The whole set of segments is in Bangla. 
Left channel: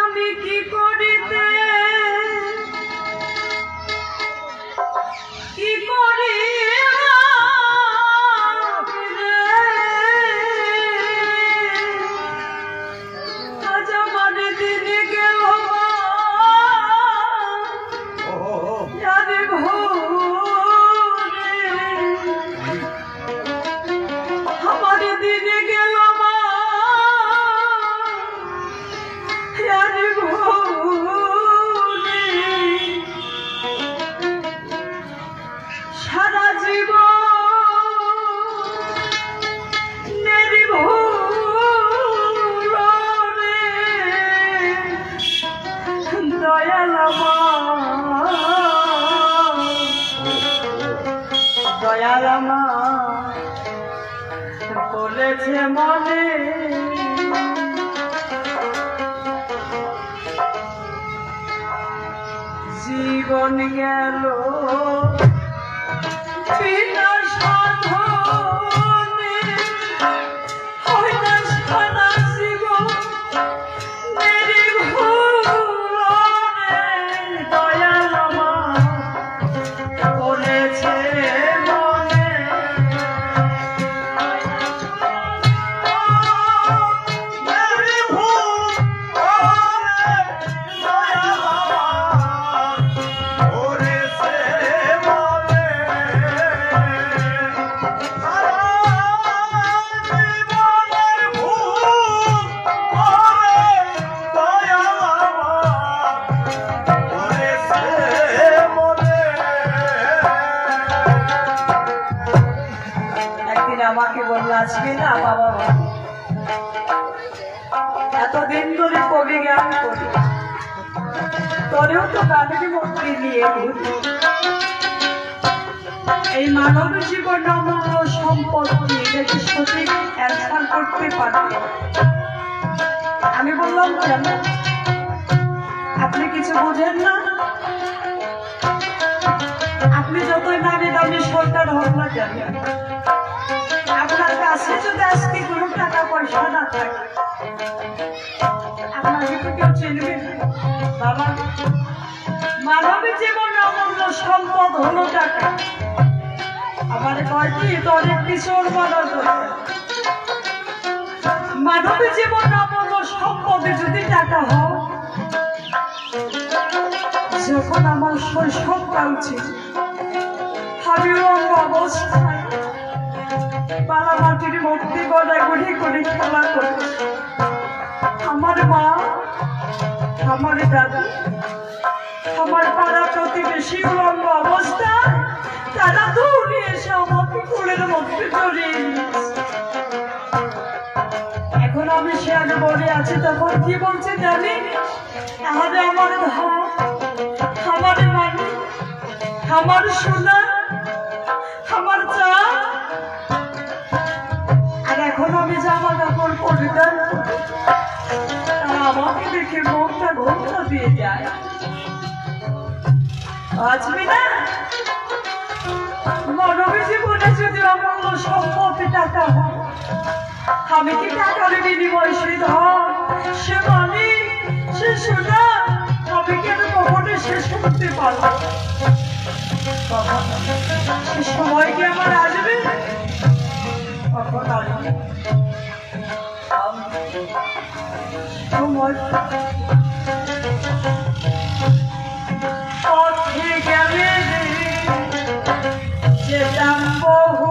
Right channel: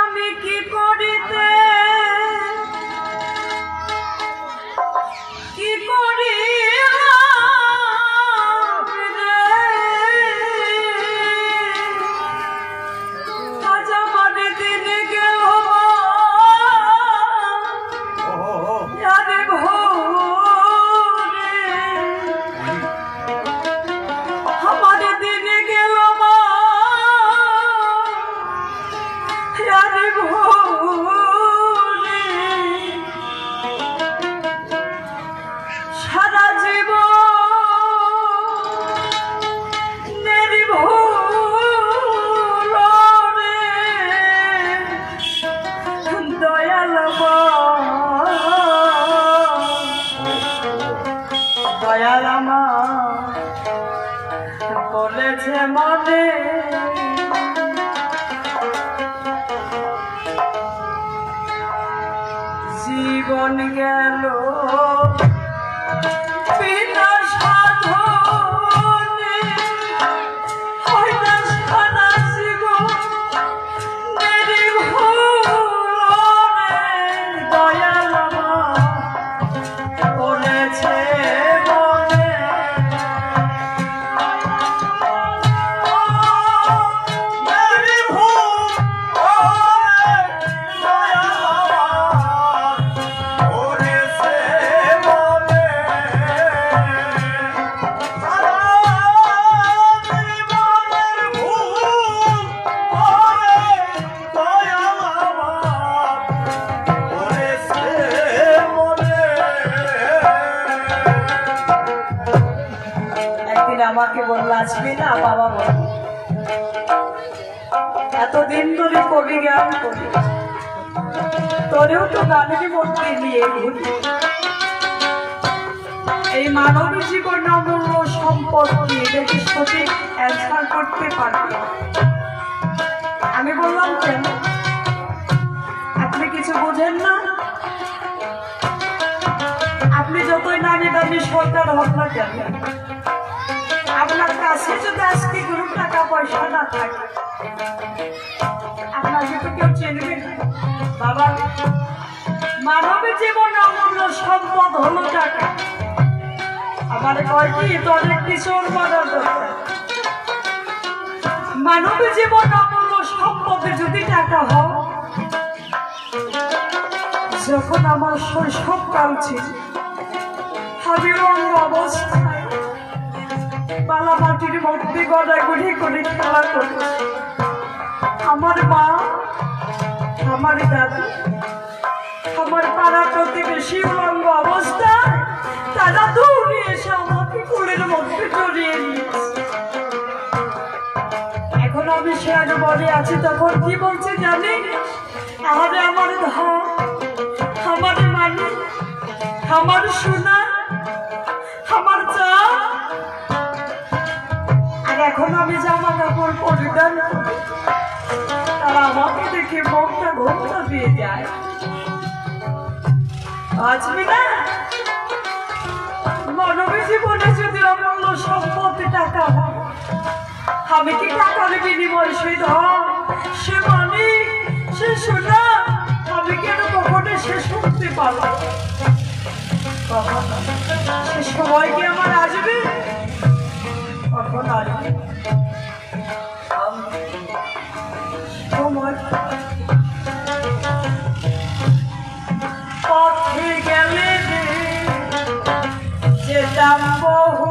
আমি কি করিতে কি করি মানে দিনে গেল আমাদের দিনে গেল সারা জীবন দয়াল দয়াল বলেছে মনে জীবন গেল বিনা সাধনে হইতে সারা জীবন নির্ভুলনে দয়াল বলেছে মনে আমাকে বলল আসবি না বাবা এতদিন ধরে কবি গান করি তোরেও তো গানের মধ্যে নিয়ে ঘুরি এই মানব জীবন অমূল্য সম্পত্তি এটাকে সঠিক অ্যান্সার করতে পারবে আমি বললাম কেন আপনি কিছু বোঝেন না আপনি যতই নামি দামি সরকার হোক না কেন আপনার কাছে যদি আজকে কোনো টাকা পয়সা না থাকে আপনাকে তো কেউ চেনবে না বাবা মানব জীবন অমূল্য সম্পদ হলো টাকা আমার কয়টি তো অনেক কিছু মানব জীবন অমূল্য সম্পদে যদি টাকা হয় যখন আমার শৈশবকাল ছিল আমি অন্য অবস্থায় পালা মাটির মধ্যে গড়াগড়ি করে খেলা করে আমার মা আমার দাদু আমার পাড়া প্রতিবেশী অন্য অবস্থায় তারা দৌড়ে এসে আমাকে কোলের মধ্যে জড়িয়ে নিয়েছে এখন আমি সে আগে বলে আছি তখন কি বলছে জানি আমার ধন আমার মানে আমার সোনা আমার চা আর এখন আমি জামা কাপড় পরিধান করি তারা আমাকে দেখে মুখটা ঘোমটা দিয়ে যায় বাঁচবি না মানব জীবনে যদি অমূল্য সম্পত্তি টাকা হয় আমি কি টাকার বিনিময় সে ধন সে মানি সে সোনা আমি কেন কখনো শেষ করতে পারবো সে সময় কি আমার আসবে কখন আসবে সময় পথে গেলে যেতাম বহু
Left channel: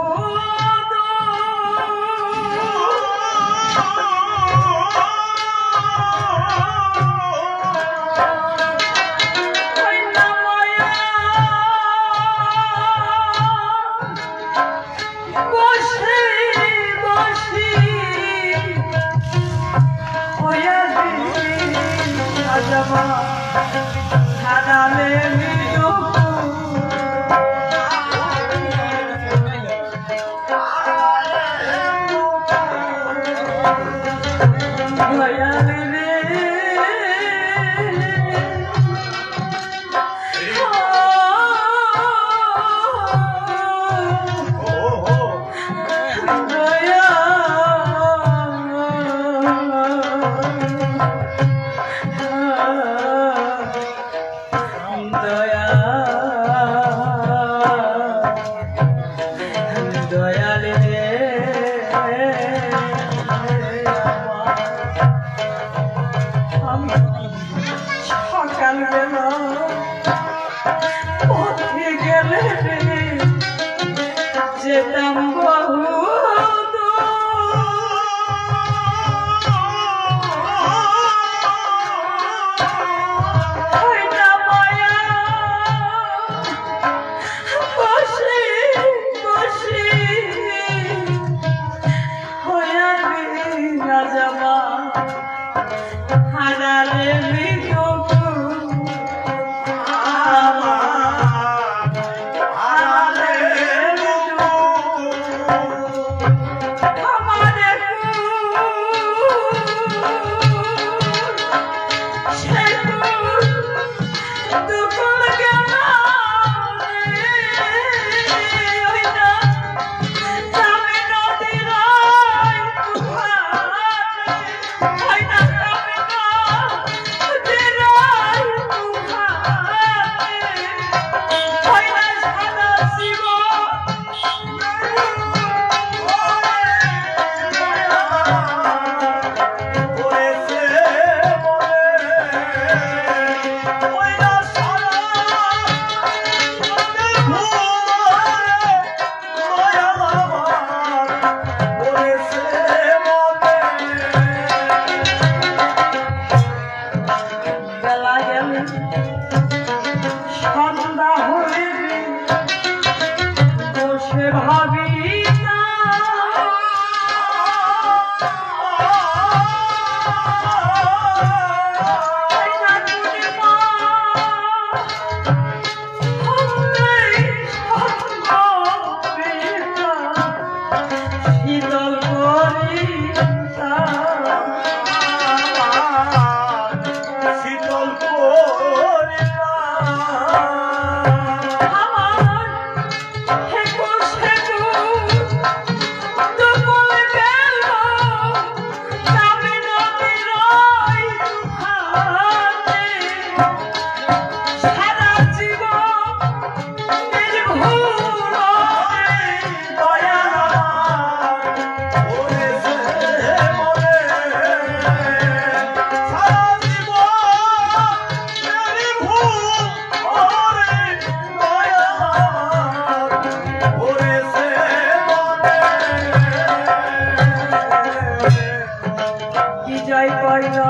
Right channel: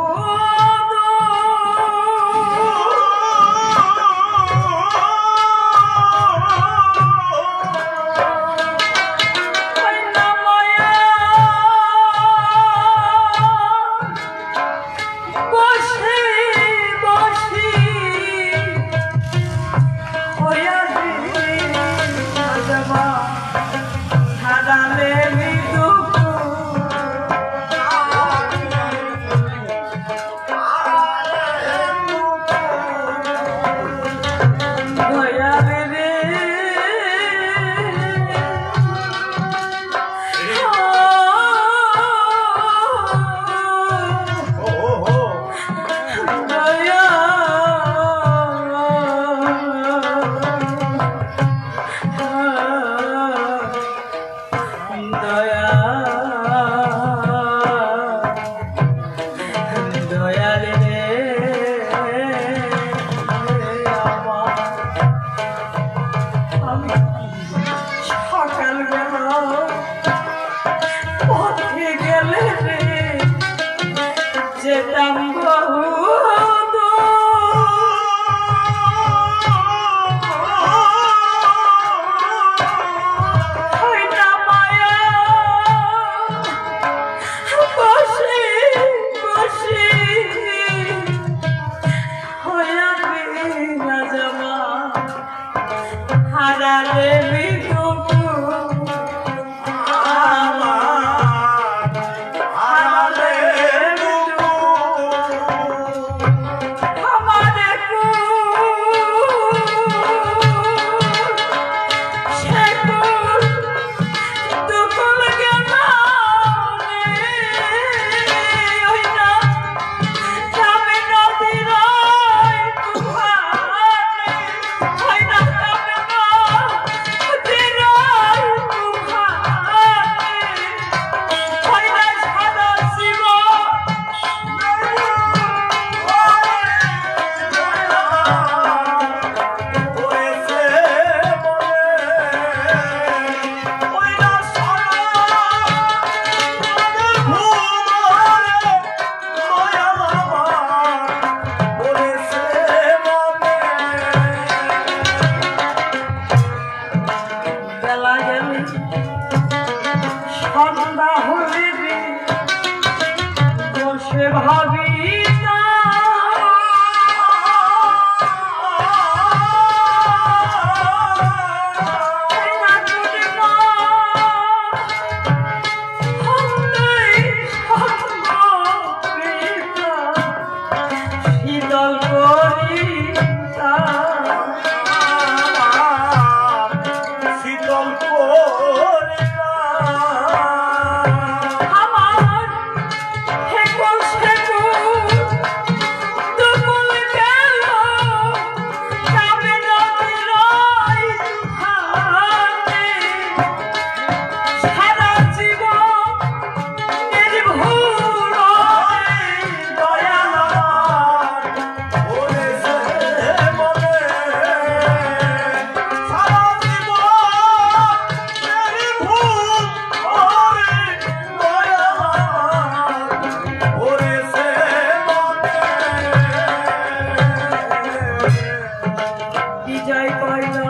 যাই কয়লা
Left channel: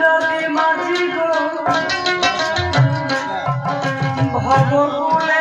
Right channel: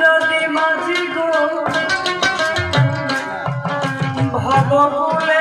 নদী মাঝি গো ভবকুলে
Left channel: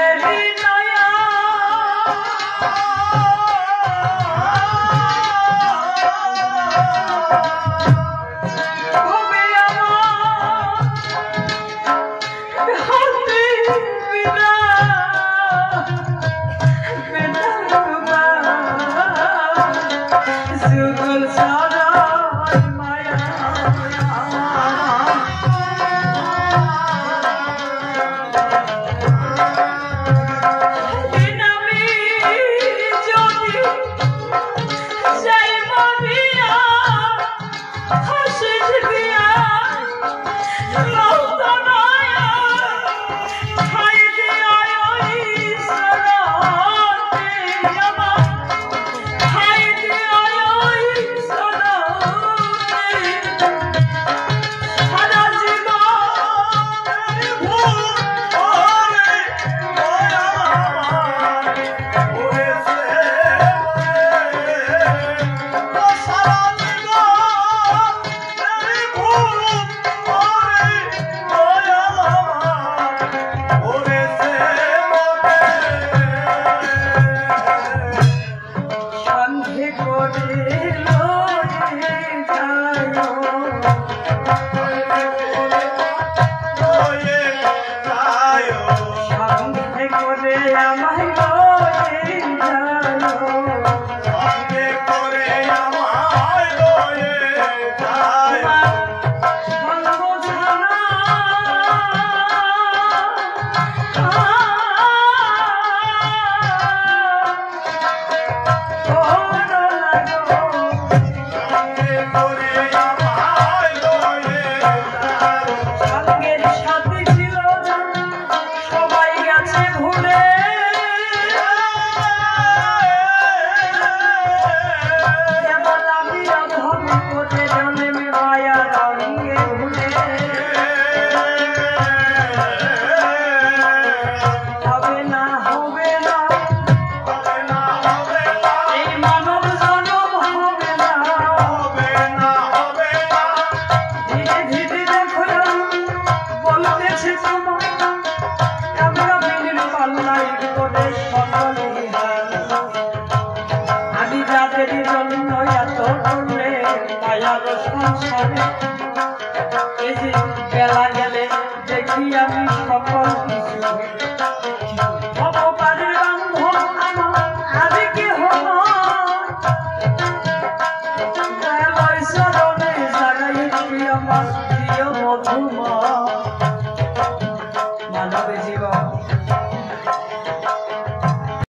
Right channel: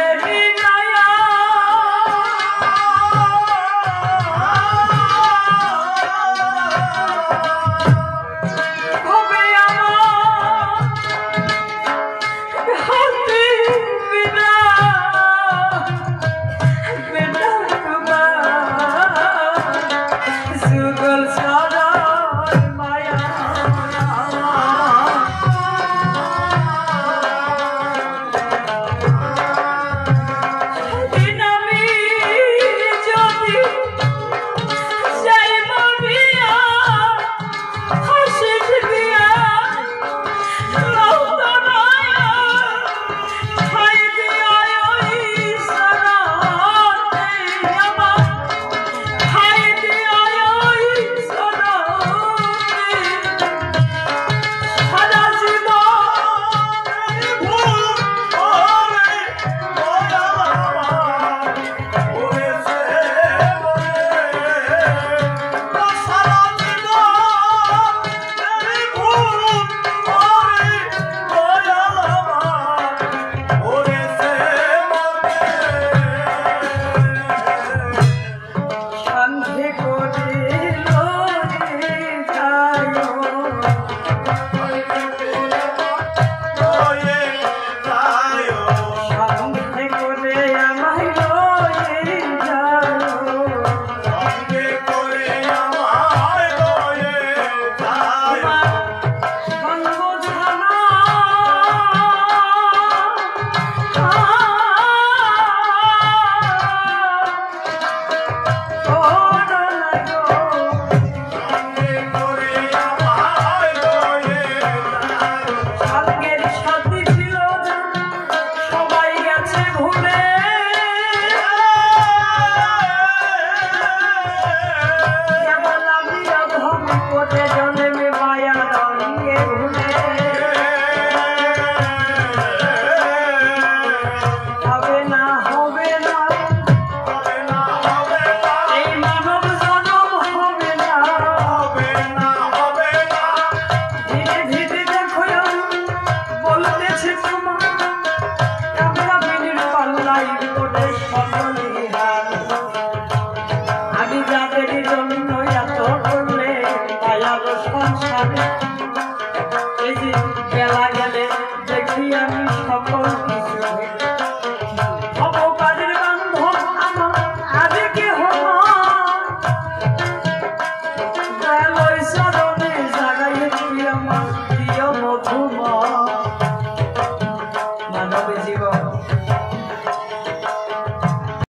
মানব জীবন